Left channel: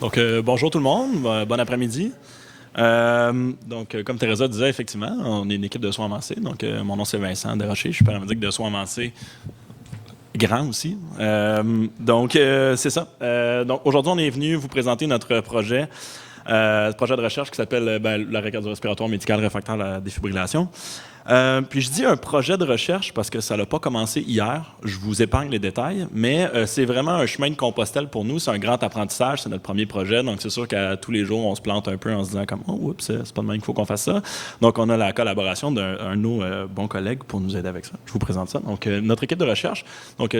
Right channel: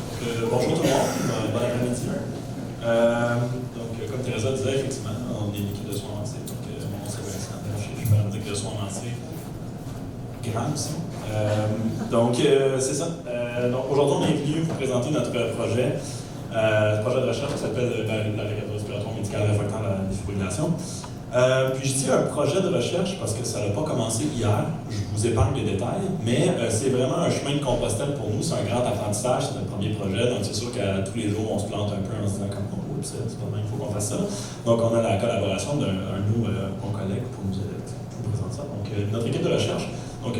Bonjour tout le monde, bon après-midi. Comme Teresa disait, effectivement, on est une équipe de soins avancés. Mon nom c'est Vincent Desrochers, je suis paramédic de soins avancés grand aussi. C'est ça. Aujourd'hui, on est venu vous présenter notre projet, projet de recherche qui s'appelle l'arrêt cardio-respiratoire médical réfractaire à la défibrillation. Puis je dis un projet de recherche parce que ça n'a pas commencé hier, je vous épargne les détails, mais c'est vraiment un chemin de Compostelle pour nous, c'est un grand apprentissage, c'est notre premier projet, donc c'est sûr qu'à tous les jours on se plante un peu en se disant comme « Oh, oups, c'est pas de même qu'il faut qu'on fasse ça ». Donc on a la collaboration d'un de nos bons collègues pour nous aider avec ça. Je vous présente ça. Donc notre équipe de recherche,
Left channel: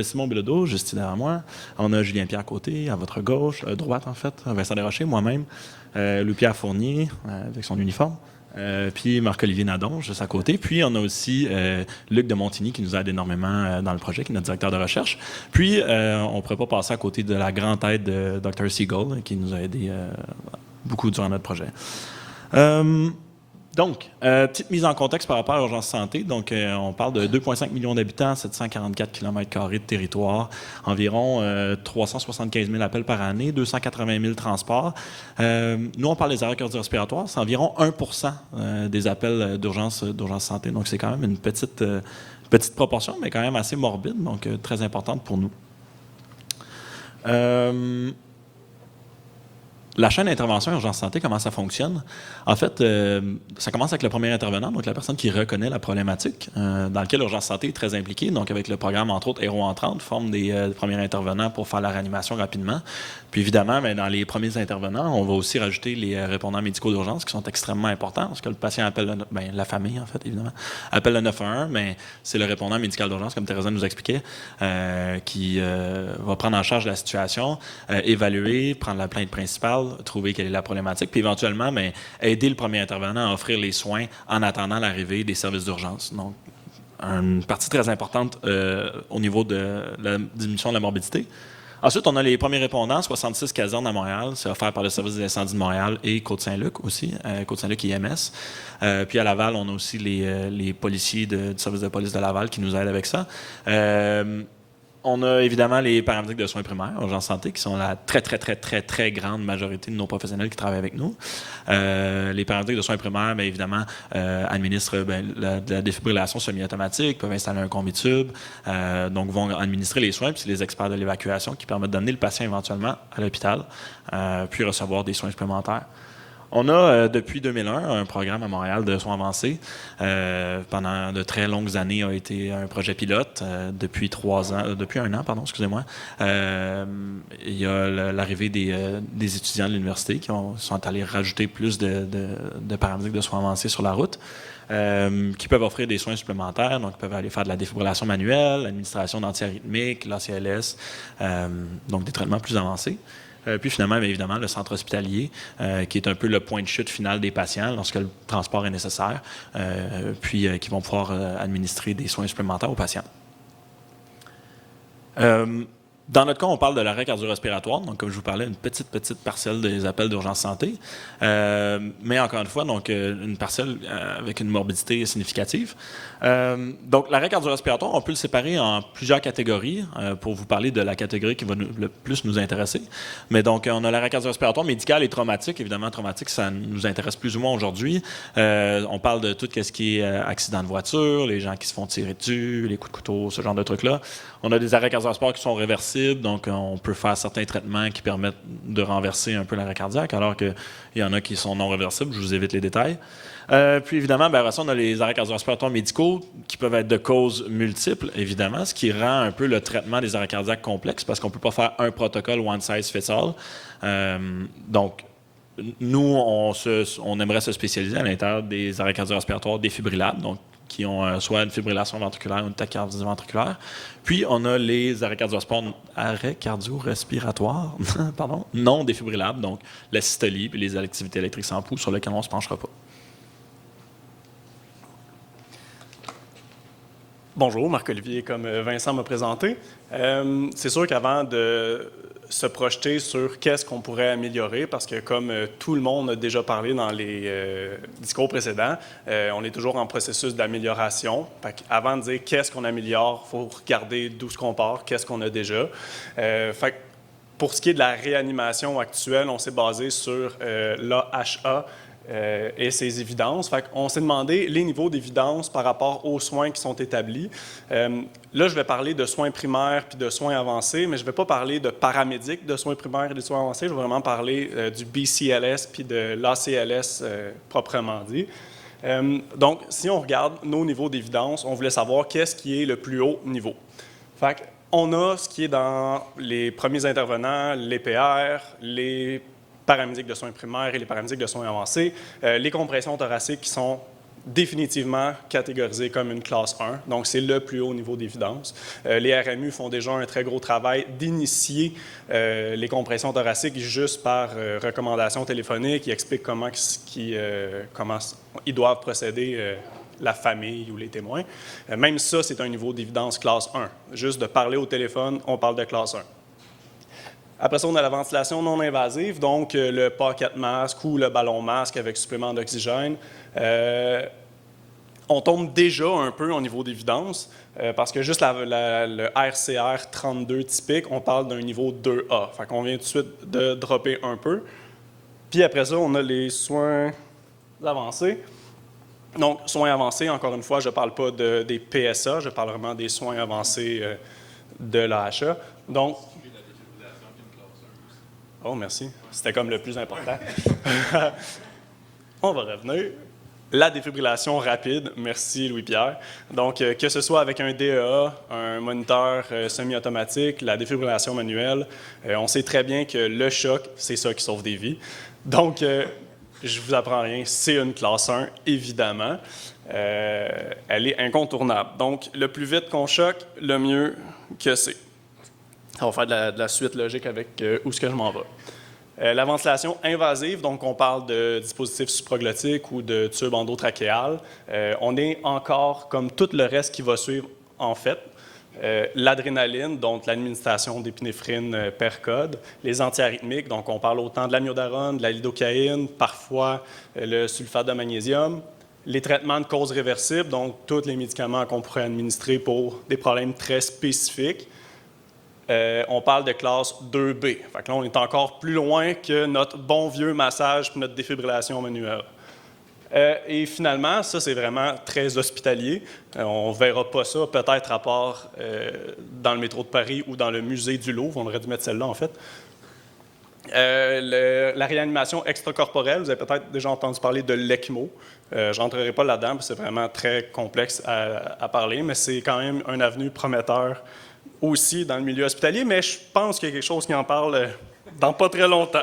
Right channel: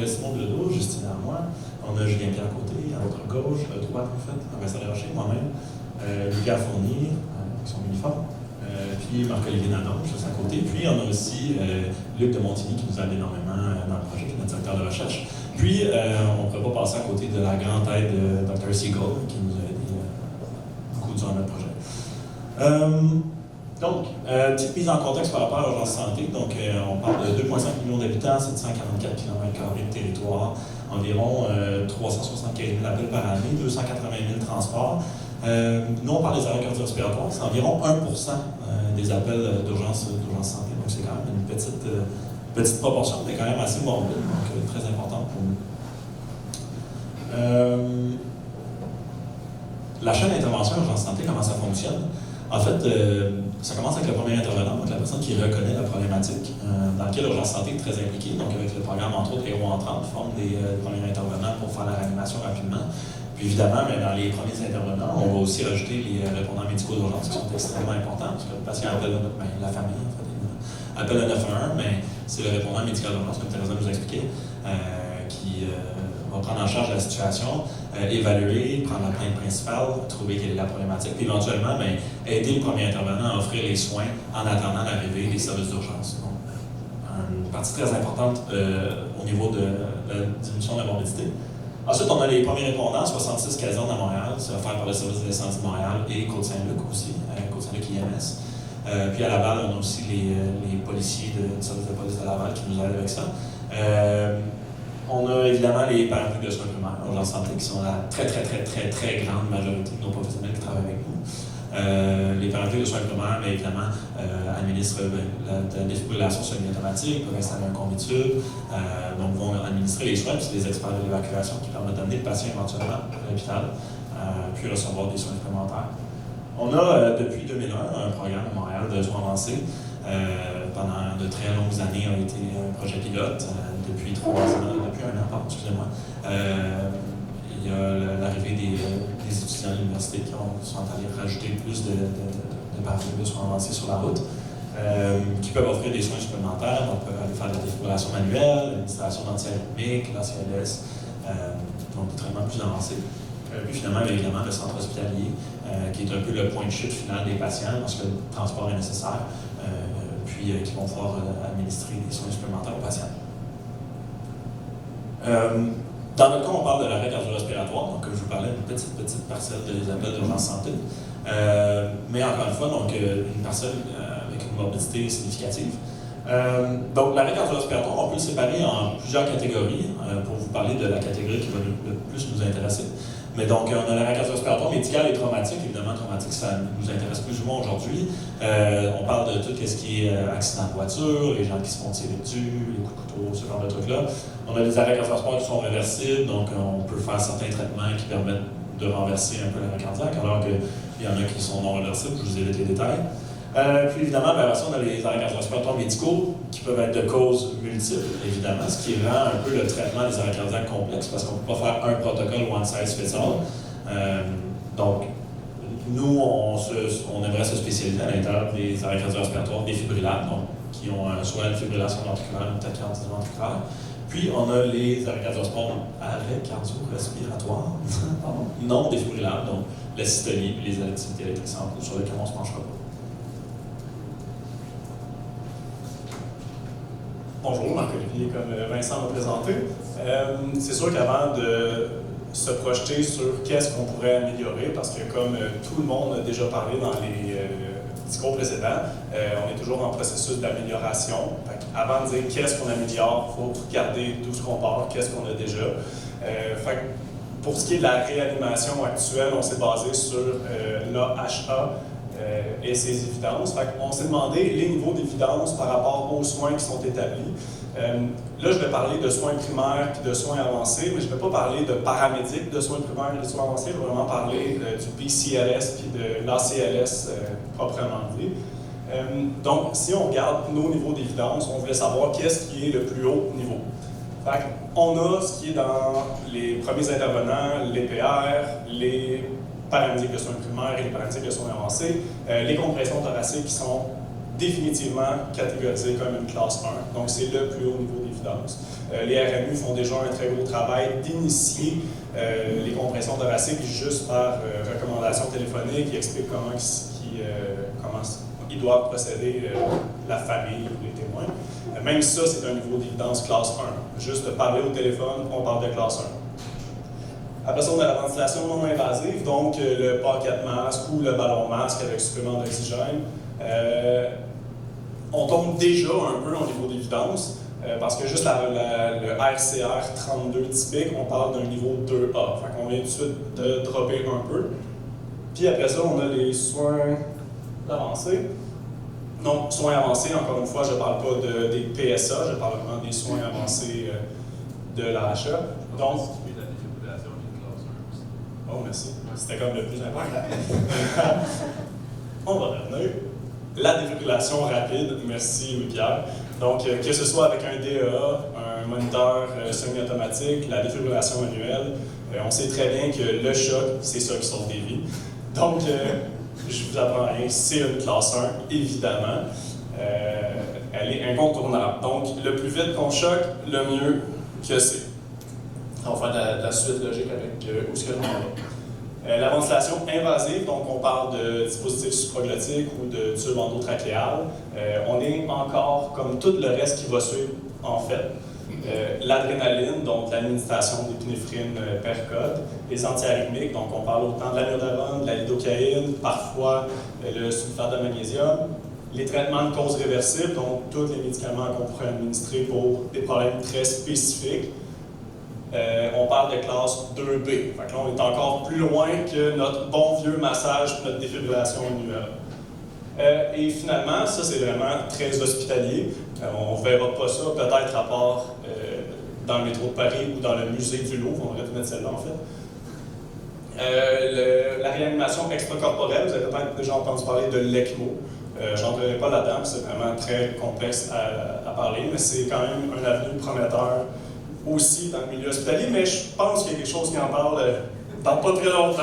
Simon Bilodeau, juste derrière moi, on a Julien Pierre Côté, à votre gauche, droite en fait, Vincent Desrochers, moi-même, Louis-Pierre Fournier, avec son uniforme. Puis Marc-Olivier Nadon, juste à côté. Puis on a aussi Luc de Montigny qui nous aide énormément dans le projet, qui est notre directeur de recherche. Puis on ne pourrait pas passer à côté de la grande aide de Dr. Siegel, qui nous a aidé beaucoup durant notre projet. Petite mise en contexte par rapport à l'urgence santé. On parle de 2,5 millions d'habitants, 744 km² de territoire, environ 375 000 appels par année, 280 000 transports. Nous, on parle des arrêts cardio-respiratoires, c'est environ 1% des appels d'urgence santé. Donc, c'est quand même une petite proportion, mais quand même assez morbide, donc très importante pour nous. La chaîne d'intervention urgence santé, comment ça fonctionne? En fait, ça commence avec le premier intervenant, donc la personne qui reconnaît la problématique, dans laquelle l'urgence santé est très impliquée. Donc, avec le programme, entre autres, Héros Entrante, forme des premiers intervenants pour faire la réanimation rapidement. Puis évidemment, dans les premiers intervenants, on va aussi rajouter les répondants médicaux d'urgence qui sont extrêmement importants, parce que le patient appelle, la famille en fait, évidemment, appelle le 911, mais c'est le répondant médical d'urgence, comme Teresa nous expliquait, qui va prendre en charge la situation, évaluer, prendre la plainte principale, trouver quelle est la problématique, puis éventuellement, aider le premier intervenant à offrir les soins en attendant l'arrivée des services d'urgence. Donc, une partie très importante au niveau de la diminution de la morbidité. Ensuite, on a les premiers répondants, 66 casernes à Montréal, c'est offert par le service des incendies de Montréal et Côte-Saint-Luc aussi, Côte-Saint-Luc IMS. Puis à Laval, on a aussi les policiers du service de police de Laval qui nous aident avec ça. On a évidemment les paramédics de soins primaires, urgence santé, qui sont la très grande majorité de nos professionnels qui travaillent avec nous. Les paramédics de soins primaires, évidemment, administrent la défibrillation semi-automatique, peuvent installer un combitube, donc vont administrer les soins, puis c'est les experts de l'évacuation qui permettent d'amener le patient éventuellement à l'hôpital, puis recevoir des soins supplémentaires. On a, depuis 2001, un programme à Montréal de soins avancés. Pendant de très longues années, a été un projet pilote. Depuis un an, pardon, excusez-moi. Il y a l'arrivée des étudiants de l'université qui sont allés rajouter plus de paramédics de soins avancés sur la route, qui peuvent offrir des soins supplémentaires. On peut aller faire de la défibrillation manuelle, l'administration d'antiarythmiques, l'ACLS, donc des traitements plus avancés. Puis finalement, évidemment, le centre hospitalier, qui est un peu le point de chute final des patients lorsque le transport est nécessaire, puis qui vont pouvoir administrer des soins supplémentaires aux patients. Dans notre cas, on parle de l'arrêt cardio-respiratoire, donc comme je vous parlais, une petite parcelle des appels d'urgence santé, mais encore une fois, une parcelle avec une morbidité significative. Donc, l'arrêt cardio-respiratoire, on peut le séparer en plusieurs catégories pour vous parler de la catégorie qui va le plus nous intéresser. Mais donc, on a l'arrêt cardio-respiratoire médical et traumatique. Évidemment, traumatique, ça nous intéresse plus ou moins aujourd'hui. On parle de tout ce qui est accident de voiture, les gens qui se font tirer dessus, les coups de couteau, ce genre de trucs-là. On a des arrêts cardio-respiratoires qui sont réversibles, donc on peut faire certains traitements qui permettent de renverser un peu l'arrêt cardiaque, alors qu'il y en a qui sont non réversibles. Je vous évite les détails. Puis évidemment, on a les arrêts cardio-respiratoires médicaux qui peuvent être de causes multiples, évidemment, ce qui rend un peu le traitement des arrêts cardiaques complexe parce qu'on ne peut pas faire un protocole one size fits all. Donc, nous, on aimerait se spécialiser à l'intérieur des arrêts cardio-respiratoires défibrillables, donc qui ont soit une fibrillation ventriculaire ou une tachycardie ventriculaire. Puis, on a les arrêts cardio-respiratoires non défibrillables, donc la systolie et les activités électriques sans pouls, sur lesquelles on ne se penchera pas. Bonjour, Marc-Olivier, comme Vincent m'a présenté. C'est sûr qu'avant de se projeter sur qu'est-ce qu'on pourrait améliorer, parce que comme tout le monde a déjà parlé dans les discours précédents, on est toujours en processus d'amélioration. Avant de dire qu'est-ce qu'on améliore, il faut regarder d'où ce qu'on part, qu'est-ce qu'on a déjà. Pour ce qui est de la réanimation actuelle, on s'est basé sur l'AHA et ses évidences. On s'est demandé les niveaux d'évidence par rapport aux soins qui sont établis. Là, je vais parler de soins primaires et de soins avancés, mais je ne vais pas parler de paramédics de soins primaires et de soins avancés. Je vais vraiment parler du BCLS puis de l'ACLS proprement dit. Donc, si on regarde nos niveaux d'évidence, on voulait savoir qu'est-ce qui est le plus haut niveau. On a ce qui est dans les premiers intervenants, les PR, les paramédics de soins primaires et les paramédics de soins avancés, les compressions thoraciques qui sont définitivement catégorisées comme une classe 1, donc c'est le plus haut niveau d'évidence. Les RMU font déjà un très gros travail d'initier les compressions thoraciques juste par recommandation téléphonique. Ils expliquent comment ils doivent procéder, la famille ou les témoins. Même ça, c'est un niveau d'évidence classe 1. Juste de parler au téléphone, on parle de classe 1. Après ça, on a la ventilation non invasive, donc le pocket mask ou le ballon masque avec supplément d'oxygène. On tombe déjà un peu au niveau d'évidence, parce que juste le RCR 32 typique, on parle d'un niveau 2A. Fait qu'on vient tout de suite de dropper un peu. Puis après ça, on a les soins avancés. Donc, soins avancés, encore une fois, je ne parle pas des PSA, je parle vraiment des soins avancés de l'AHA. Donc, oh, merci. C'était comme le plus important. On va revenir. La défibrillation rapide, merci Louis-Pierre. Donc, que ce soit avec un DEA, un moniteur semi-automatique, la défibrillation manuelle, on sait très bien que le choc, c'est ça qui sauve des vies. Donc, je vous apprends rien, c'est une classe 1, évidemment. Elle est incontournable. Donc, le plus vite qu'on choque, le mieux que c'est. On va faire de la suite logique avec où est-ce que je m'en vais. La ventilation invasive, donc on parle de dispositifs supraglottiques ou de tubes endotrachéales. On est encore comme tout le reste qui va suivre, en fait. L'adrénaline, donc l'administration d'épinéphrine per code. Les antiarythmiques, donc on parle autant de l'amiodarone, de la lidocaïne, parfois le sulfate de magnésium. Les traitements de cause réversible, donc tous les médicaments qu'on pourrait administrer pour des problèmes très spécifiques. On parle de classe 2B. Fait que là, on est encore plus loin que notre bon vieux massage, notre défibrillation manuelle. Et finalement, ça c'est vraiment très hospitalier. On ne verra pas ça peut-être à part dans le métro de Paris ou dans le musée du Louvre. On aurait dû mettre celle-là en fait. La réanimation extracorporelle, vous avez peut-être déjà entendu parler de l'ECMO. Je n'entrerai pas là-dedans, c'est vraiment très complexe à parler, mais c'est quand même un avenue prometteur aussi dans le milieu hospitalier, mais je pense qu'il y a quelque chose qui en parle dans pas très longtemps.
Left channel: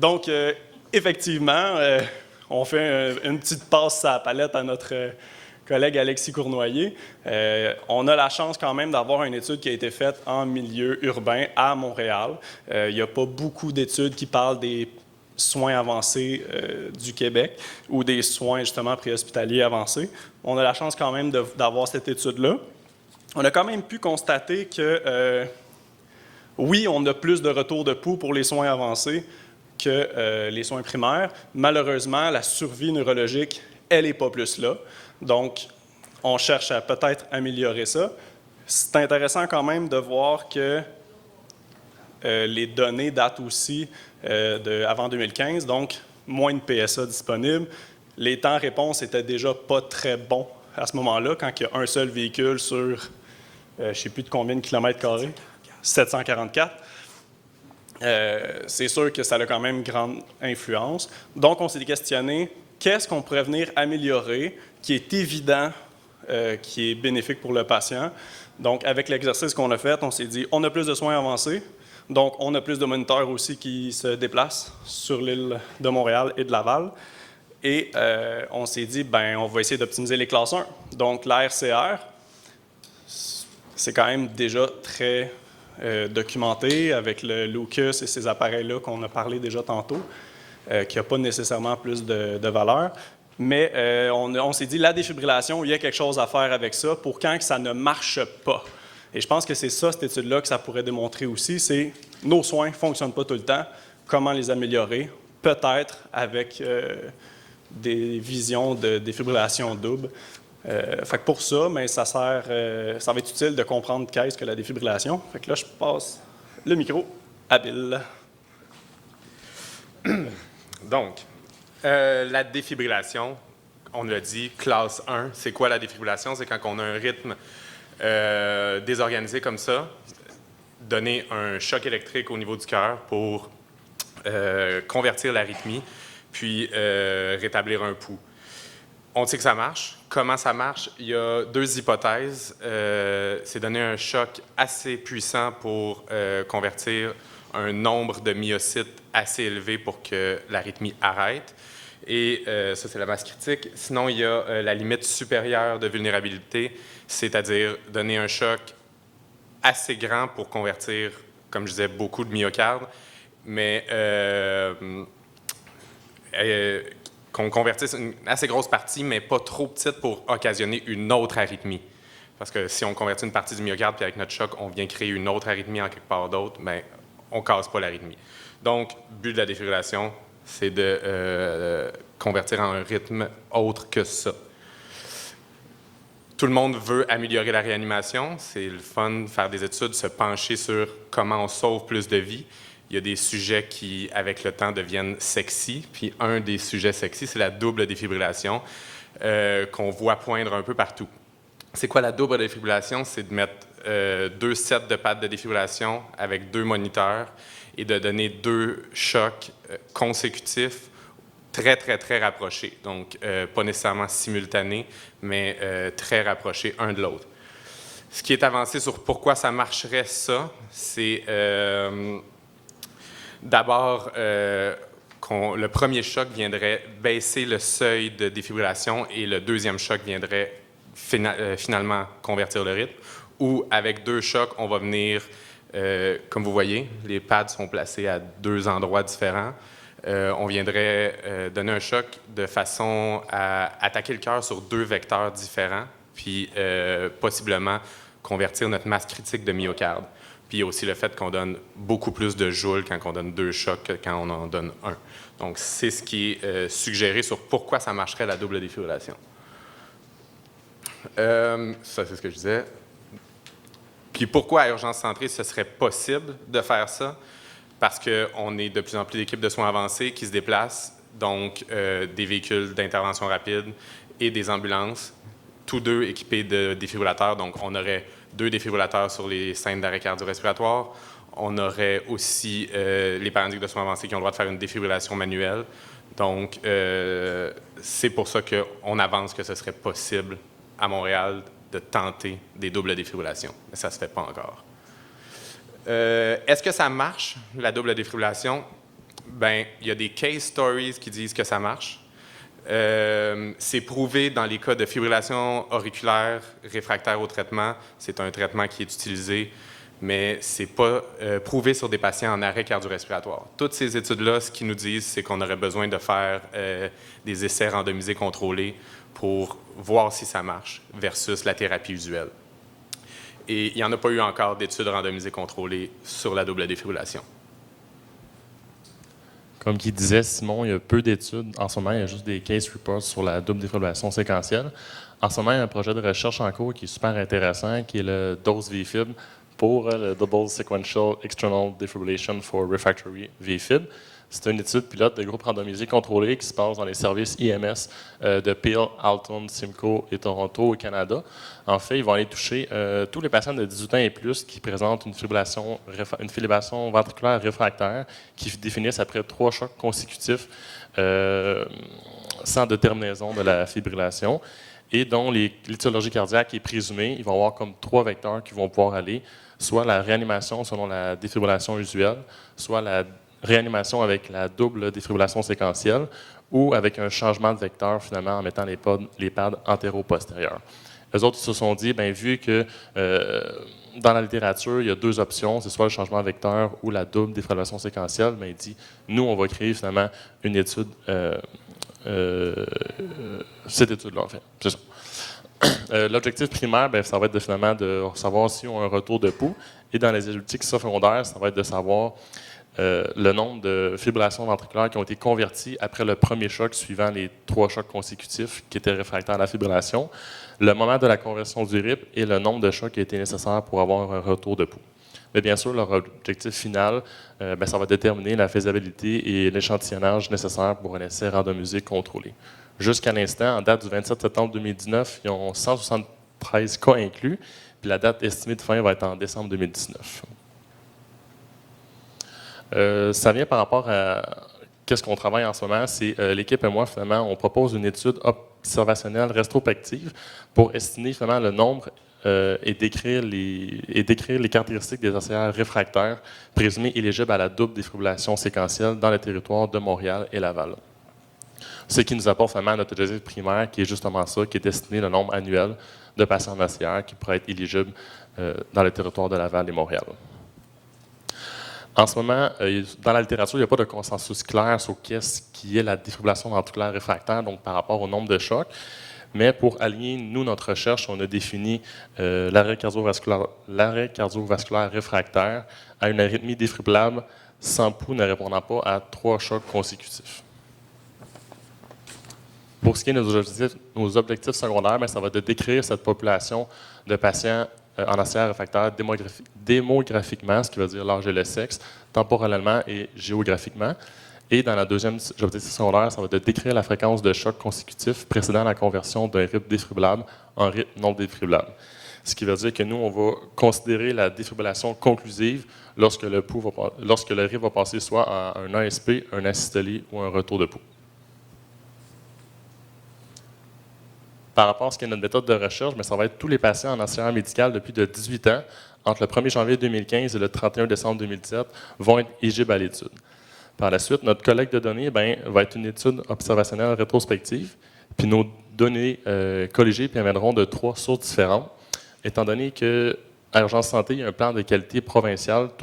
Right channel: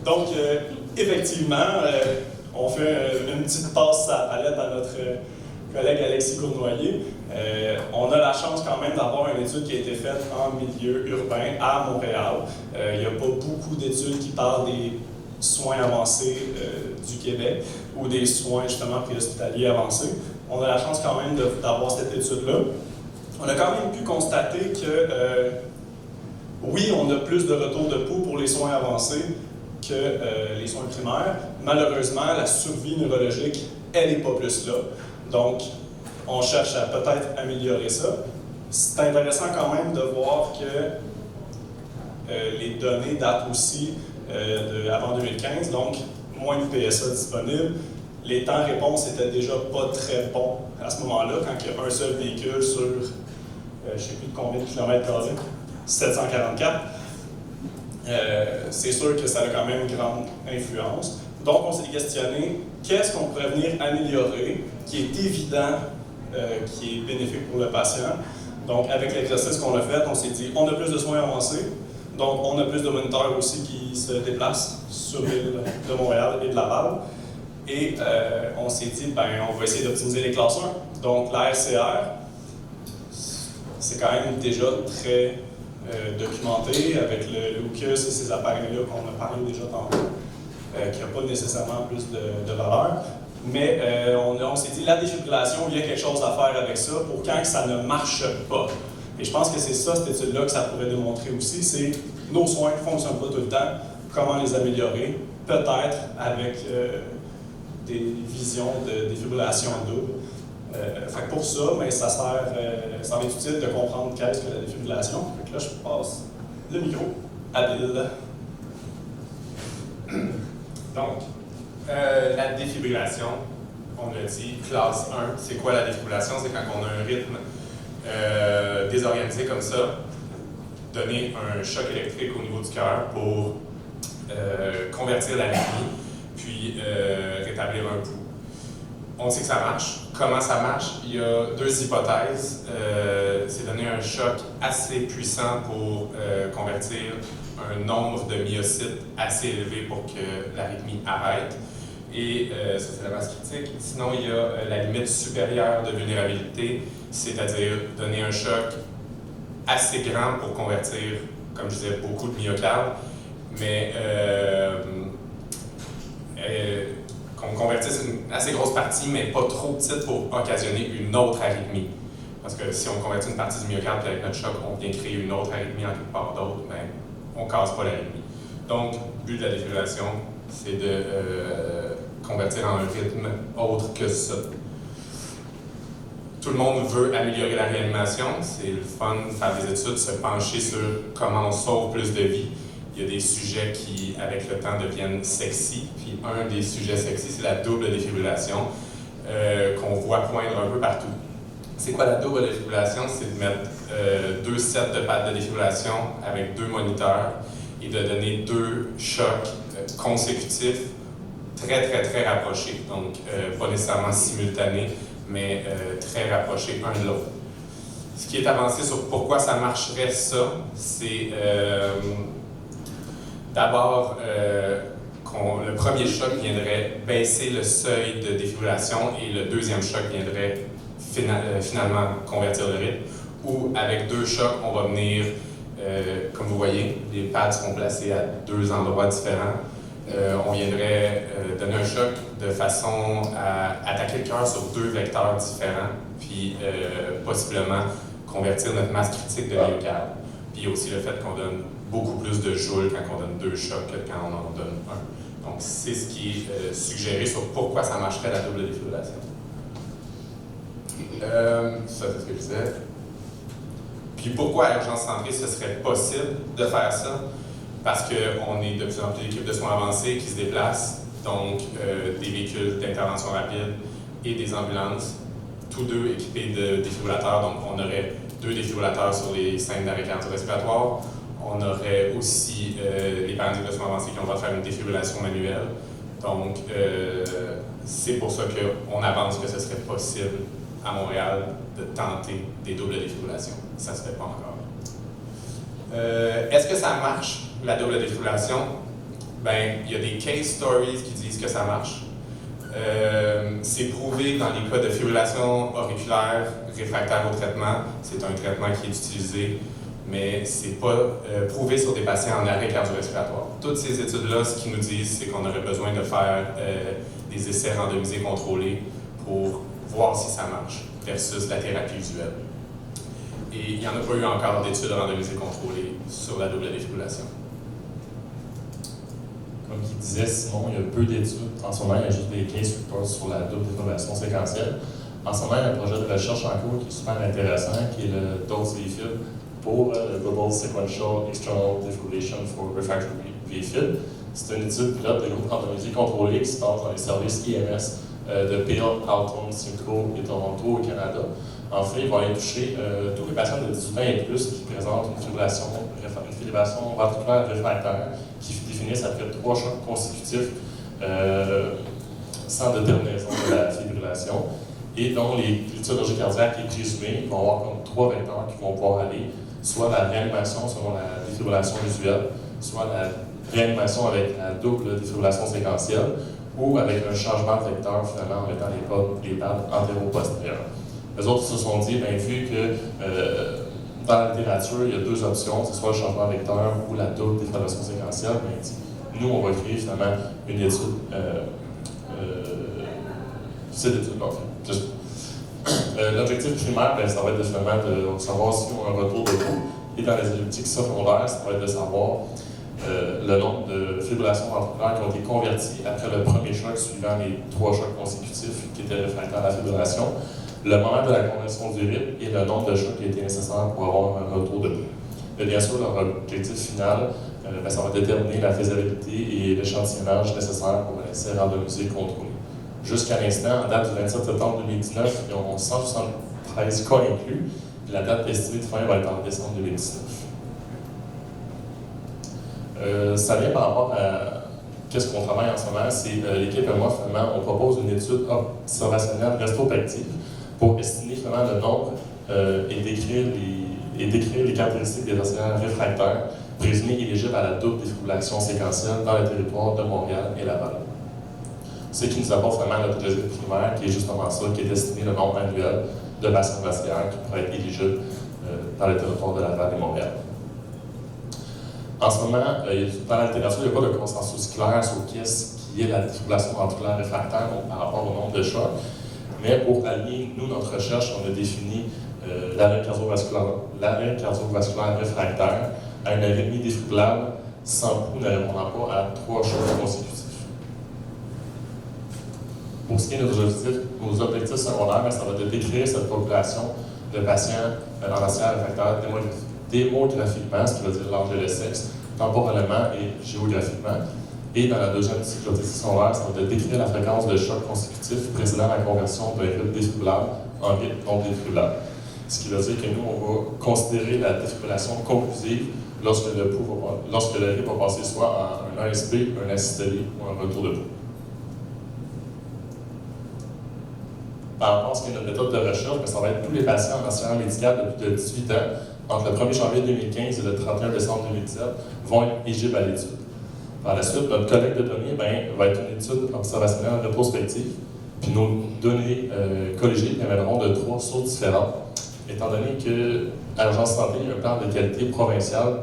Donc, effectivement, on fait une petite passe à la palette à notre collègue Alexis Cournoyer. On a la chance quand même d'avoir une étude qui a été faite en milieu urbain à Montréal. Il n'y a pas beaucoup d'études qui parlent des soins avancés du Québec ou des soins justement préhospitaliers avancés. On a la chance quand même d'avoir cette étude-là. On a quand même pu constater que, oui, on a plus de retour de pouls pour les soins avancés que les soins primaires. Malheureusement, la survie neurologique, elle n'est pas plus là. Donc, on cherche à peut-être améliorer ça. C'est intéressant quand même de voir que les données datent aussi avant 2015, donc moins de PSA disponibles. Les temps réponse étaient déjà pas très bons à ce moment-là, quand il y a un seul véhicule sur je ne sais plus de combien de kilomètres carrés, 744. C'est sûr que ça a quand même une grande influence. Donc, on s'est questionné, qu'est-ce qu'on pourrait venir améliorer, qui est évident, qui est bénéfique pour le patient. Donc, avec l'exercice qu'on a fait, on s'est dit, on a plus de soins avancés, donc on a plus de moniteurs aussi qui se déplacent sur l'île de Montréal et de Laval. Et on s'est dit, on va essayer d'optimiser les classes 1. Donc, la RCR, c'est quand même déjà très documenté avec le Lucas et ces appareils-là qu'on a parlé déjà tantôt, qui n'a pas nécessairement plus de valeur. Mais on s'est dit, la défibrillation, il y a quelque chose à faire avec ça pour quand ça ne marche pas. Et je pense que c'est ça, cette étude-là, que ça pourrait démontrer aussi, c'est nos soins ne fonctionnent pas tout le temps, comment les améliorer, peut-être avec des visions de défibrillation double. Fait que pour ça, ça va être utile de comprendre qu'est-ce que la défibrillation. Fait que là, je passe le micro à Bill. Donc, la défibrillation, on l'a dit, classe 1. C'est quoi la défibrillation? C'est quand on a un rythme désorganisé comme ça, donner un choc électrique au niveau du cœur pour convertir l'arythmie, puis rétablir un pouls. On sait que ça marche. Comment ça marche? Il y a deux hypothèses. C'est donner un choc assez puissant pour convertir un nombre de myocytes assez élevé pour que l'arythmie arrête. Et ça, c'est la masse critique. Sinon, il y a la limite supérieure de vulnérabilité, c'est-à-dire donner un choc assez grand pour convertir, comme je disais, beaucoup de myocarde, mais qu'on convertisse une assez grosse partie, mais pas trop petite pour occasionner une autre arythmie. Parce que si on convertit une partie du myocarde, puis avec notre choc, on vient créer une autre arythmie en quelque part d'autre, ben, on ne casse pas l'arythmie. Donc, le but de la défibrillation, c'est de convertir en un rythme autre que ça. Tout le monde veut améliorer la réanimation. C'est le fun de faire des études, se pencher sur comment on sauve plus de vies. Il y a des sujets qui, avec le temps, deviennent sexy. Puis un des sujets sexy, c'est la double défibrillation qu'on voit poindre un peu partout. C'est quoi la double défibrillation? C'est de mettre 2 sets de pattes de défibrillation avec 2 moniteurs et de donner 2 chocs consécutifs très, très, très rapprochés. Donc, pas nécessairement simultanés, mais très rapprochés un de l'autre. Ce qui est avancé sur pourquoi ça marcherait, ça, c'est d'abord le premier choc viendrait baisser le seuil de défibrillation et le deuxième choc viendrait finalement convertir le rythme. Ou avec 2 chocs, on va venir, comme vous voyez, les pads sont placés à 2 endroits différents. On viendrait donner un choc de façon à attaquer le cœur sur 2 vecteurs différents, puis possiblement convertir notre masse critique de myocarde. Puis il y a aussi le fait qu'on donne beaucoup plus de joules quand on donne 2 chocs que quand on en donne 1. Donc c'est ce qui est suggéré sur pourquoi ça marcherait la double défibrillation. Ça c'est ce que je disais. Puis pourquoi à Urgence Centrée ce serait possible de faire ça? Parce qu'on est de plus en plus d'équipes de soins avancés qui se déplacent, donc des véhicules d'intervention rapide et des ambulances, tous deux équipés de défibrillateurs. Donc on aurait 2 défibrillateurs sur les scènes d'arrêt cardio-respiratoire. On aurait aussi les paramédics de soins avancés qui ont le droit de faire une défibrillation manuelle. Donc c'est pour ça qu'on avance que ce serait possible à Montréal de tenter des doubles défibrillations. Mais ça ne se fait pas encore. Est-ce que ça marche, la double défibrillation? Ben, il y a des case stories qui disent que ça marche. C'est prouvé dans les cas de fibrillation auriculaire réfractaire au traitement. C'est un traitement qui est utilisé, mais c'est pas prouvé sur des patients en arrêt cardio-respiratoire. Toutes ces études-là, ce qu'ils nous disent, c'est qu'on aurait besoin de faire des essais randomisés contrôlés pour voir si ça marche versus la thérapie usuelle. Et il n'y en a pas eu encore d'études randomisées contrôlées sur la double défibrillation. Comme il disait Simon, il y a peu d'études. En ce moment, il y a juste des case reports sur la double défibrillation séquentielle. En ce moment, il y a un projet de recherche en cours qui est super intéressant, qui est le dose VFib pour le Double Sequential External Defibrillation for Refractory VFib. C'est une étude pilote de groupe randomisé contrôlé qui se passe dans les services IMS de Peel, Alton, Simcoe et Toronto au Canada. En fait, ils vont aller toucher tous les patients de 18 ans et plus qui présentent une fibrillation ventriculaire réfractaire qui définissent après 3 chocs consécutifs sans déterminaison de la fibrillation et dont l'étiologie cardiaque est présumée. Ils vont avoir comme 3 vecteurs qui vont pouvoir aller, soit la réanimation selon la défibrillation usuelle, soit la réanimation avec la double défibrillation séquentielle ou avec un changement de vecteur finalement en mettant les pads antéro-postérieures. Les autres se sont dit, bien, vu que dans la littérature, il y a 2 options, c'est soit le changement de vecteur ou la double défibrillation séquentielle, mais il dit, nous, on va créer finalement une étude, cette étude-là, en fait. L'objectif primaire, bien, ça va être finalement de savoir si on a un retour de pouls, et dans les études secondaires, ça va être de savoir le nombre de fibrillations ventriculaires qui ont été converties après le premier choc suivant les 3 chocs consécutifs qui étaient réfractaires à la fibrillation, le moment de la conversion du rythme et le nombre de chocs qui a été nécessaire pour avoir un retour de pouls. Mais bien sûr, leur objectif final, ça va déterminer la faisabilité et l'échantillonnage nécessaire pour un essai randomisé contrôlé. Jusqu'à l'instant, en date du 27 septembre 2019, ils ont 173 cas inclus, puis la date estimée de fin va être en décembre 2019. Ça vient par rapport à qu'est-ce qu'on travaille en ce moment, c'est l'équipe et moi, finalement, on propose une étude observationnelle rétrospective pour estimer finalement le nombre et décrire les caractéristiques des océans réfractaires présumés éligibles à la double défibrillation séquentielle dans le territoire de Montréal et Laval. Ce qui nous apporte vraiment notre objectif primaire, qui est justement ça, qui est destiné le nombre annuel de patients vasculaires qui pourraient être éligibles dans le territoire de Laval et Montréal. En ce moment, dans la littérature, il n'y a pas de consensus clair sur qu'est-ce qui est la défibrillation ventriculaire réfractaire, donc par rapport au nombre de chocs. Mais pour allier, nous, notre recherche, on a défini l'arrêt cardiovasculaire réfractaire à une arythmie défibrillable sans pouls ne répondant pas à 3 chocs consécutifs. Pour ce qui est de nos objectifs secondaires, ça va de décrire cette population de patients en océan réfractaire démographiquement, ce qui veut dire l'âge et le sexe, temporellement et géographiquement. Et dans la deuxième objectif secondaire, ça va de décrire la fréquence de chocs consécutifs précédant la conversion d'un rythme défibrillable en rythme non défibrillable. Ce qui veut dire que nous, on va considérer la défibrillation conclusive lorsque le rythme va passer soit à un ASP, un asystolie ou un retour de pouls. Par rapport à ce qui est notre méthode de recherche, ça va être tous les patients en océan médical de plus de 18 ans, entre le 1er janvier 2015 et le 31 décembre 2017, vont être éligibles à l'étude. Par la suite, notre collecte de données va être une étude observationnelle rétrospective, puis nos données colligées viendront de 3 sources différentes, étant donné qu'à Urgence Santé, il y a un plan de qualité provincial,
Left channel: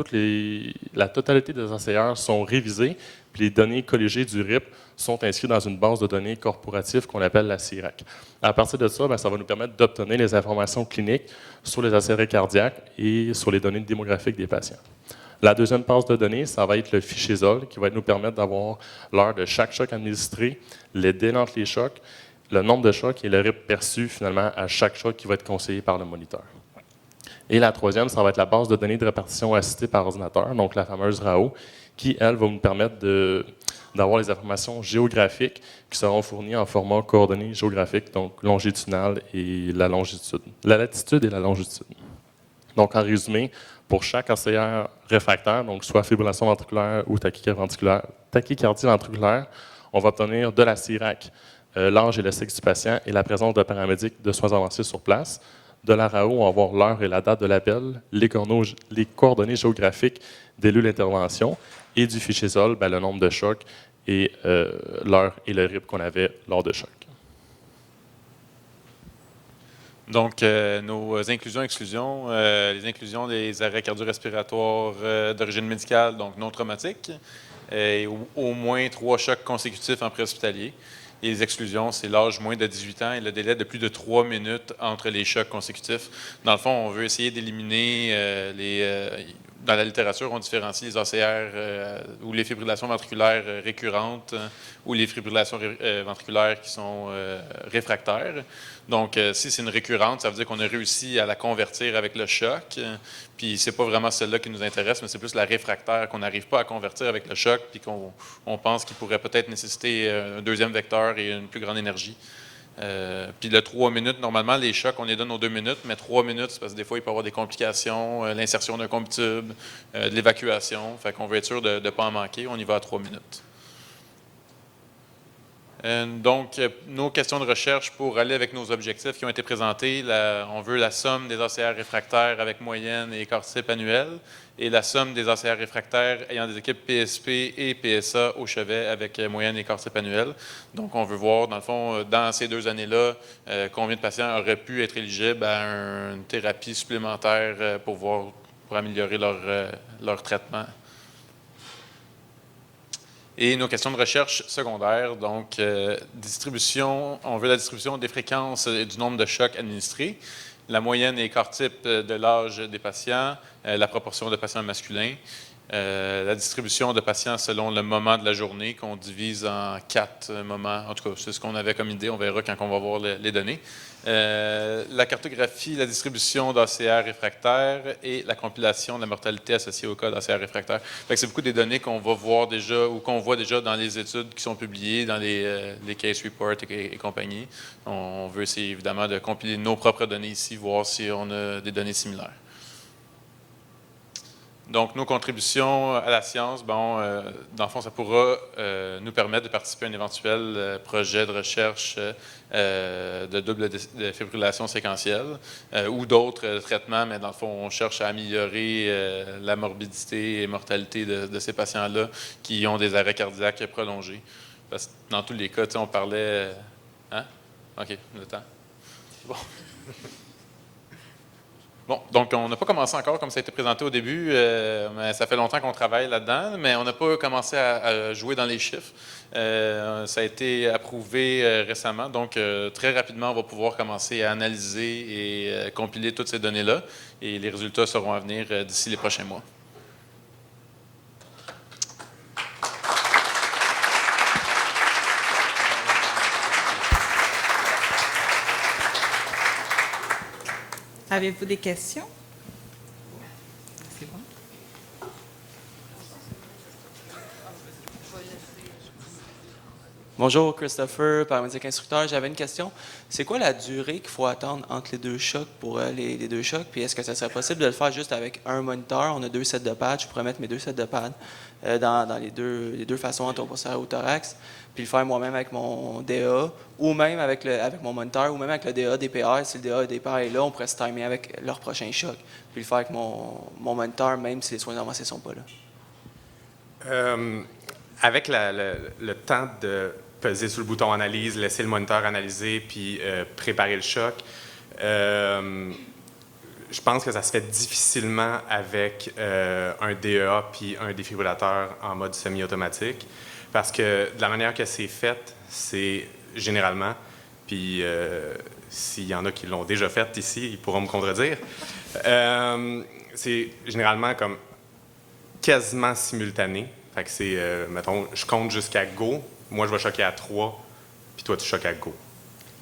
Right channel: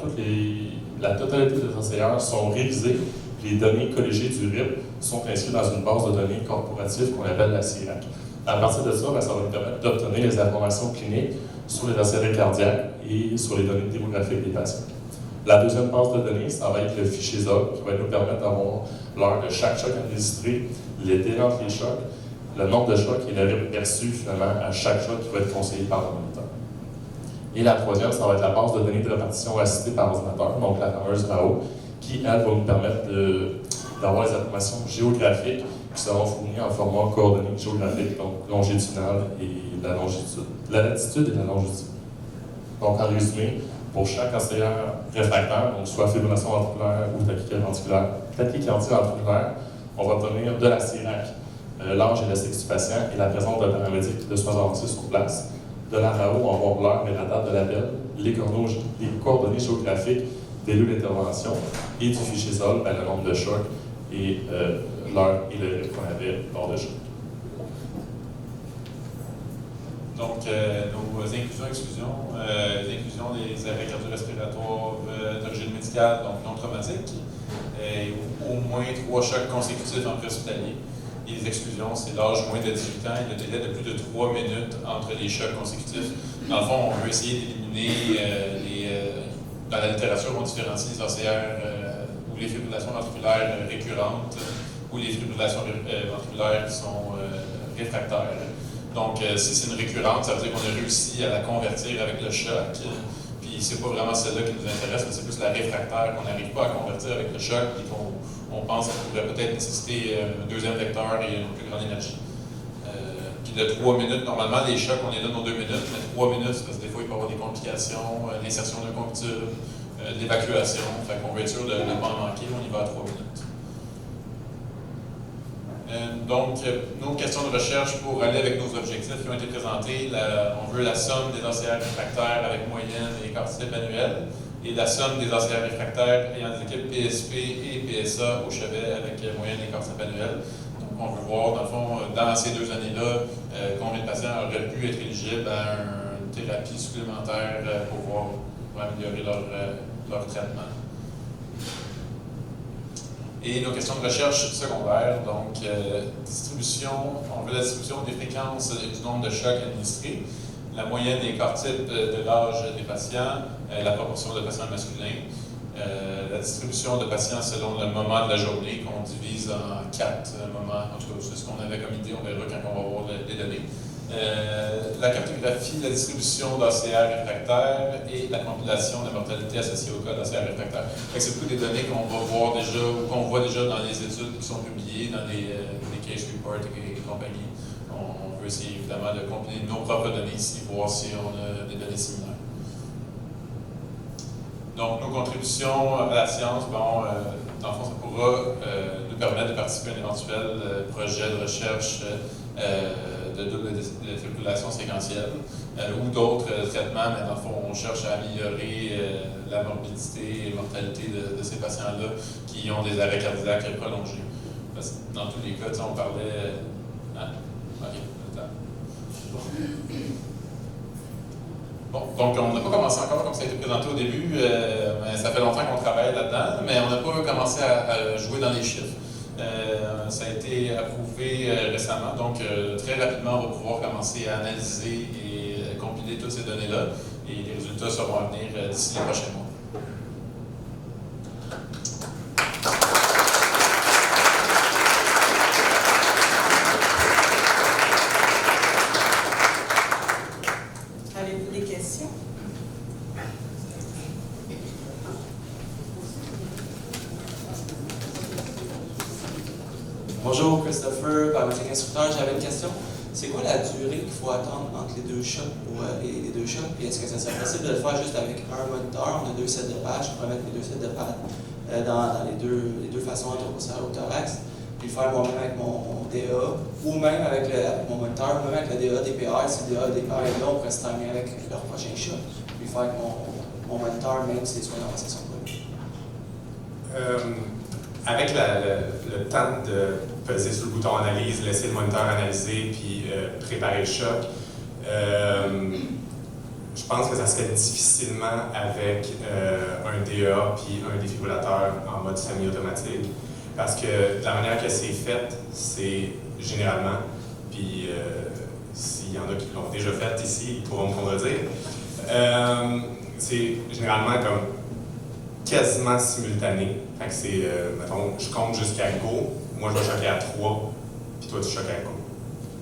la totalité des enseignants sont révisés, puis les données colligées du RIP sont inscrites dans une base de données corporative qu'on appelle la CIRAC. À partir de ça, ça va nous permettre d'obtenir les informations cliniques sur les accélérés cardiaques et sur les données démographiques des patients. La deuxième base de données, ça va être le fichier ZOL, qui va nous permettre d'avoir l'heure de chaque choc administré, les délais entre les chocs, le nombre de chocs et le rythme perçu finalement à chaque choc qui va être conseillé par le moniteur. Et la troisième, ça va être la base de données de répartition assistée par ordinateur, donc la fameuse RAO, qui, elle, va nous permettre d'avoir les informations géographiques qui seront fournies en format coordonnées géographiques, donc longitudinal et la latitude et la longitude. Donc, en résumé, pour chaque enseignant réfractaire, donc soit fibrillation ventriculaire ou tachycardie ventriculaire, on va obtenir de la CIRAC l'âge et le sexe du patient et la présence de paramédics de soins avancés sur place. De la RAO, on va voir l'heure et la date de l'appel, les coordonnées géographiques des lieux d'intervention et du fichier ZOL, le nombre de chocs et l'heure et le rythme qu'on avait lors de choc. Donc, nos inclusions-exclusions, les inclusions des arrêts cardio-respiratoires d'origine médicale, donc non traumatiques, et au moins 3 chocs consécutifs en préhospitalier. Les exclusions, c'est l'âge moins de 18 ans et le délai de plus de 3 minutes entre les chocs consécutifs. Dans le fond, on veut essayer d'éliminer dans la littérature, on différencie les OCR ou les fibrillations ventriculaires récurrentes ou les fibrillations ventriculaires qui sont réfractaires. Donc, si c'est une récurrente, ça veut dire qu'on a réussi à la convertir avec le choc. Puis, c'est pas vraiment celle-là qui nous intéresse, mais c'est plus la réfractaire qu'on n'arrive pas à convertir avec le choc et qu'on pense qu'il pourrait peut-être nécessiter un deuxième vecteur et une plus grande énergie. Puis le 3 minutes, normalement, les chocs, on les donne aux 2 minutes, mais 3 minutes, parce que des fois, il peut y avoir des complications, l'insertion d'un combustible, l'évacuation. Fait qu'on veut être sûr de ne pas en manquer, on y va à 3 minutes. Donc, nos questions de recherche pour aller avec nos objectifs qui ont été présentés, on veut la somme des ACR réfractaires avec moyenne et écart-type annuel, et la somme des ACR réfractaires ayant des équipes PSP et PSA au chevet avec moyenne et écart-type annuel. Donc, on veut voir, dans le fond, dans ces 2 années-là, combien de patients auraient pu être éligibles à une thérapie supplémentaire pour améliorer leur traitement. Et nos questions de recherche secondaires, donc on veut la distribution des fréquences et du nombre de chocs administrés, la moyenne et écart-type de l'âge des patients, la proportion de patients masculins, La distribution de patients selon le moment de la journée, qu'on divise en 4 moments. En tout cas, c'est ce qu'on avait comme idée. On verra quand on va voir les données. La cartographie, la distribution d'ACR réfractaires et la compilation de la mortalité associée au cas d'ACR réfractaire. C'est beaucoup des données qu'on va voir déjà ou qu'on voit déjà dans les études qui sont publiées, dans les case reports et compagnie. On veut essayer évidemment de compiler nos propres données ici, voir si on a des données similaires. Donc, nos contributions à la science, dans le fond, ça pourra nous permettre de participer à un éventuel projet de recherche de double défibrillation séquentielle ou d'autres traitements, mais dans le fond, on cherche à améliorer la morbidité et mortalité de ces patients-là qui ont des arrêts cardiaques prolongés. Parce que dans tous les cas, on parlait... Hein? OK, le temps. Bon, donc on n'a pas commencé encore, comme ça a été présenté au début, mais ça fait longtemps qu'on travaille là-dedans, mais on n'a pas commencé à jouer dans les chiffres. Ça a été approuvé récemment, donc très rapidement, on va pouvoir commencer à analyser et compiler toutes ces données-là, et les résultats seront à venir d'ici les prochains mois. Avez-vous des questions? Bonjour, Christopher, paramédic instructeur. J'avais une question. C'est quoi la durée qu'il faut attendre entre les deux chocs pour les deux chocs? Puis est-ce que ça serait possible de le faire juste avec un moniteur? On a 2 sets de pads. Je pourrais mettre mes 2 sets de pads dans les deux façons anthroposphère ou thorax. Puis le faire moi-même avec mon DA, ou même avec mon moniteur, ou même avec le DA DPR. Si le DA DPR est là, on pourrait se timer avec leur prochain choc. Puis le faire avec mon moniteur, même si les soins avancés ne sont pas là. Avec le temps de peser sur le bouton analyse, laisser le moniteur analyser, puis préparer le choc, je pense que ça se fait difficilement avec un DEA puis un défibrillateur en mode semi-automatique. Parce que la manière que c'est fait, c'est généralement, puis s'il y en a qui l'ont déjà fait ici, ils pourront me contredire, c'est généralement comme quasiment simultané. Fait que c'est, mettons, je compte jusqu'à go, moi je vais choquer à 3, puis toi tu choques à go.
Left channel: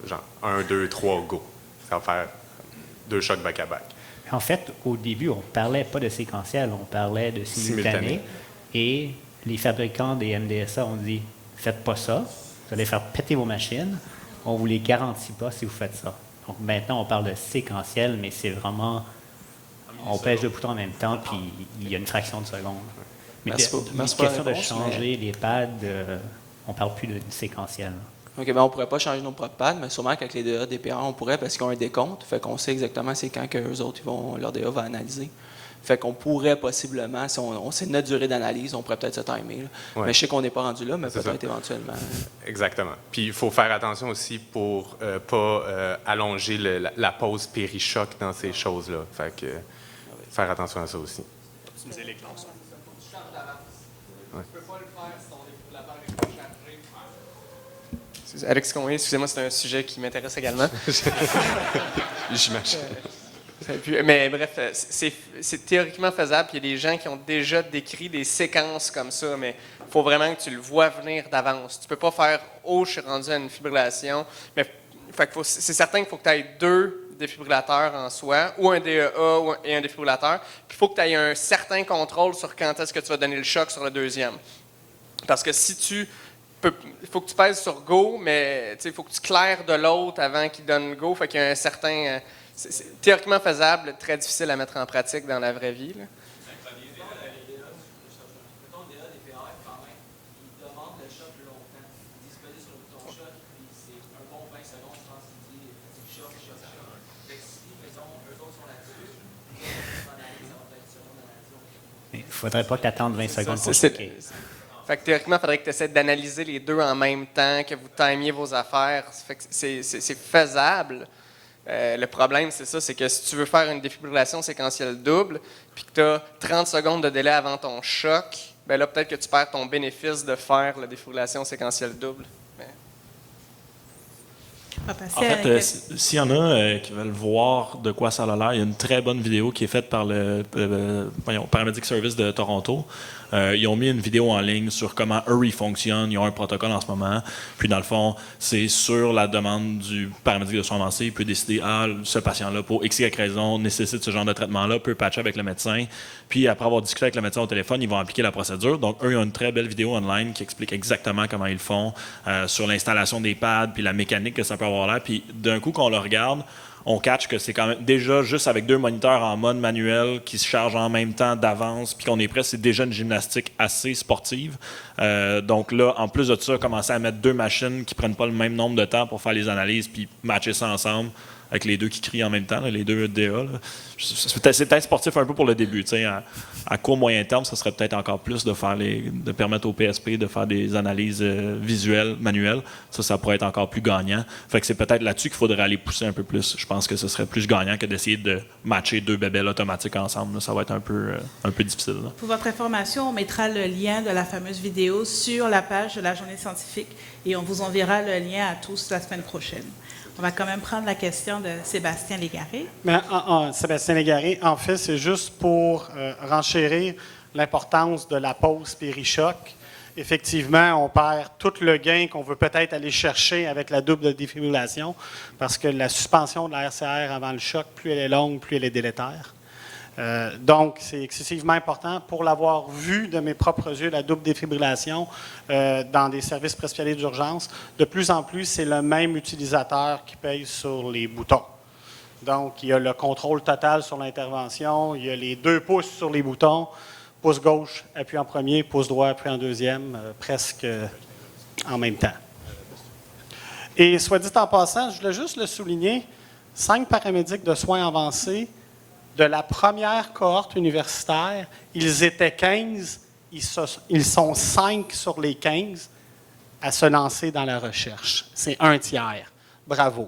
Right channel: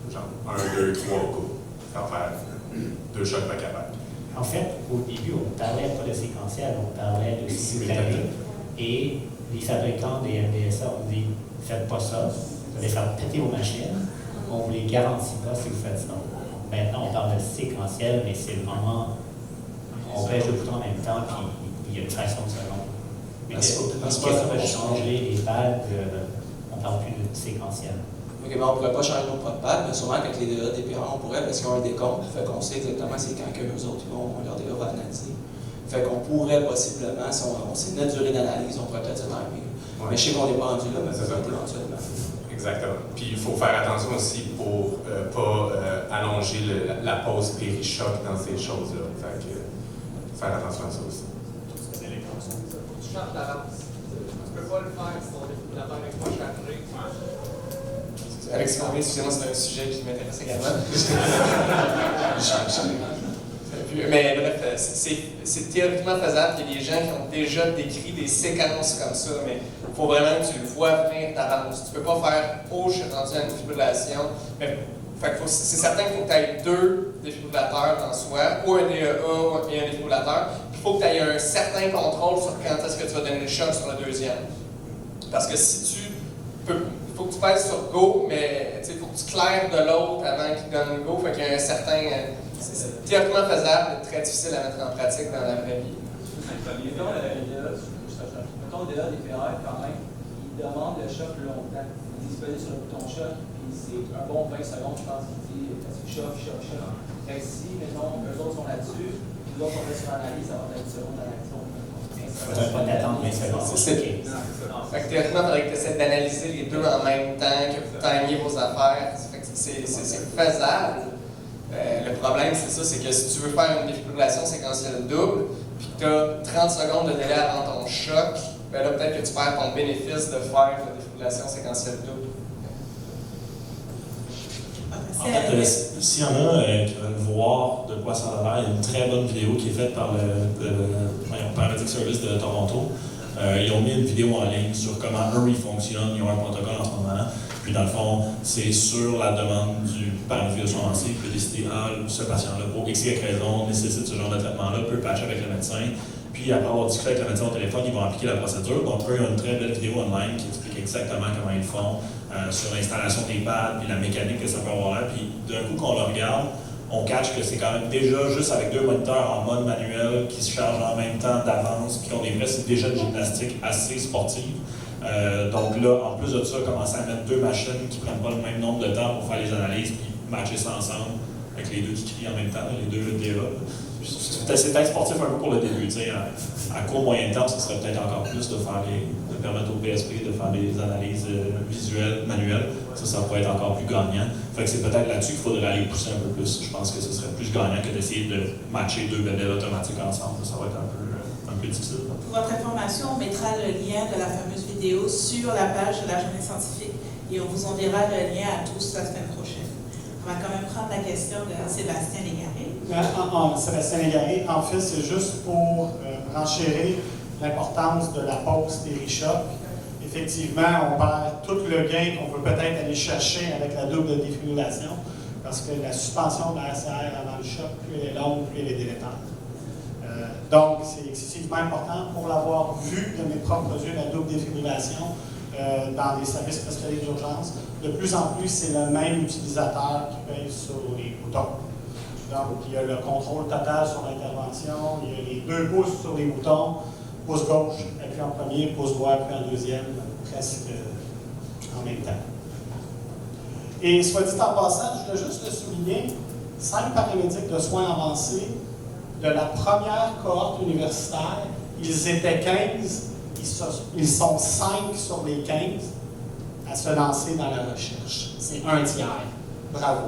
Genre 1, 2, 3, go. Ça va faire 2 chocs back-à-back. En fait, au début, on ne parlait pas de séquentiel, on parlait de simultané. Et les fabricants des MDSA ont dit « Faites pas ça, vous allez faire péter vos machines, on ne vous les garantit pas si vous faites ça. » Maintenant, on parle de séquentiel, mais c'est vraiment... On pèse le bouton en même temps, puis il y a une fraction de seconde. Mais question de changer les pads, on ne parle plus de séquentiel. OK, mais on ne pourrait pas changer nos propres pads, mais sûrement qu'avec les DA DPR, on pourrait parce qu'ils ont un décompte. Fait qu'on sait exactement c'est quand qu'eux autres, leur DA va analyser. Fait qu'on pourrait possiblement, si on sait notre durée d'analyse, on pourrait peut-être se timer. Ouais. Mais je sais qu'on n'est pas rendu là, mais peut-être éventuellement. Exactement. Puis il faut faire attention aussi pour ne pas allonger la pause péri-choc dans ces choses-là. Fait que faire attention à ça aussi. Tu changes la lance. Tu peux pas le faire si ton défibrillateur n'est pas chargé. Alexis Conway, excusez-moi, c'est un sujet qui m'intéresse également. Mais bref, c'est théoriquement faisable. Il y a des gens qui ont déjà décrit des séquences comme ça, mais il faut vraiment que tu le vois venir d'avance. Tu ne peux pas faire « Oh, je suis rendu à une fibrillation ». Mais c'est certain qu'il faut que tu aies 2 défibrillateurs en soi, ou un DEA et un défibrillateur. Il faut que tu aies un certain contrôle sur quand est-ce que tu vas donner le choc sur le deuxième. Parce que si tu peux... Il faut que tu pèses sur « Go », mais il faut que tu claires de l'autre avant qu'il donne « Go ». Fait qu'il y a un certain... c'est théoriquement faisable, très difficile à mettre en pratique dans la vraie vie. Mettons DA, DPR, quand même, ils demandent le choc longtemps. Ils disent peser sur le bouton choc, puis c'est un bon 20 secondes, je pense, qu'ils disent parce qu'ils choquent. Fait que si, mettons, eux autres sont là-dessus, puis là, on reste sur l'analyse, ça va être 10 secondes d'analyse. Il ne faudrait pas t'attendre 20 secondes pour choquer. Fait que théoriquement, il faudrait que tu essaies d'analyser les deux en même temps, que vous timiez vos affaires. Fait que c'est faisable. Le problème, c'est ça, c'est que si tu veux faire une défibrillation séquentielle double, puis que tu as 30 secondes de délai avant ton choc, ben là, peut-être que tu perds ton bénéfice de faire la défibrillation séquentielle double. On va En passer à- fait, s'il y en a qui veulent voir de quoi ça a l'air, il y a une très bonne vidéo qui est faite par le Paramedic Service de Toronto. Ils ont mis une vidéo en ligne sur comment eux ils fonctionnent. Ils ont un protocole en ce moment. Puis dans le fond, c'est sur la demande du paramédic de soins avancés, il peut décider ce patient-là, pour X, Y raison, nécessite ce genre de traitement-là, peut patcher avec le médecin. Puis après avoir discuté avec le médecin au téléphone, ils vont appliquer la procédure. Donc eux, ils ont une très belle vidéo online qui explique exactement comment ils le font sur l'installation des pads, puis la mécanique que ça peut avoir là. Puis d'un coup, quand on le regarde, on catch que c'est quand même déjà juste avec 2 moniteurs en mode manuel qui se chargent en même temps d'avance, puis qu'on est prêt, c'est déjà une gymnastique assez sportive. Donc là, en plus de ça, commencer à mettre 2 machines qui ne prennent pas le même nombre de temps pour faire les analyses, puis matcher ça ensemble avec les 2 qui crient en même temps, là, les 2 DA. C'est peut-être sportif un peu pour le début. À court, moyen terme, ça serait peut-être encore plus de permettre au PSP de faire des analyses visuelles, manuelles. Ça pourrait être encore plus gagnant. Fait que c'est peut-être là-dessus qu'il faudrait aller pousser un peu plus. Je pense que ce serait plus gagnant que d'essayer de matcher 2 bébelles automatiques ensemble. Ça va être un peu difficile. Là. Pour votre information, on mettra le lien de la fameuse vidéo sur la page de la journée scientifique et on vous enverra le lien à tous la semaine prochaine. On va quand même prendre la question de Sébastien Légaré. Mais Sébastien Légaré, en fait, c'est juste pour renchérir l'importance de la pause des RICHOC. Effectivement, on perd tout le gain qu'on veut peut-être aller chercher avec la double défibrillation parce que la suspension de la RCR avant le choc, plus elle est longue, plus elle est délétère. Donc, c'est excessivement important. Pour l'avoir vu de mes propres yeux, la double défibrillation, dans des services spécialisés d'urgence, de plus en plus, c'est le même utilisateur qui paye sur les boutons. Donc, il y a le contrôle total sur l'intervention, il y a les 2 pouces sur les boutons, pouce gauche, appuie en premier, pouce droit, appuie en deuxième, presque en même temps. Et soit dit en passant, je voulais juste le souligner, 5 paramédics de soins avancés de la première cohorte universitaire, ils étaient 15, ils sont 5 sur les 15 à se lancer dans la recherche. C'est un tiers. Bravo.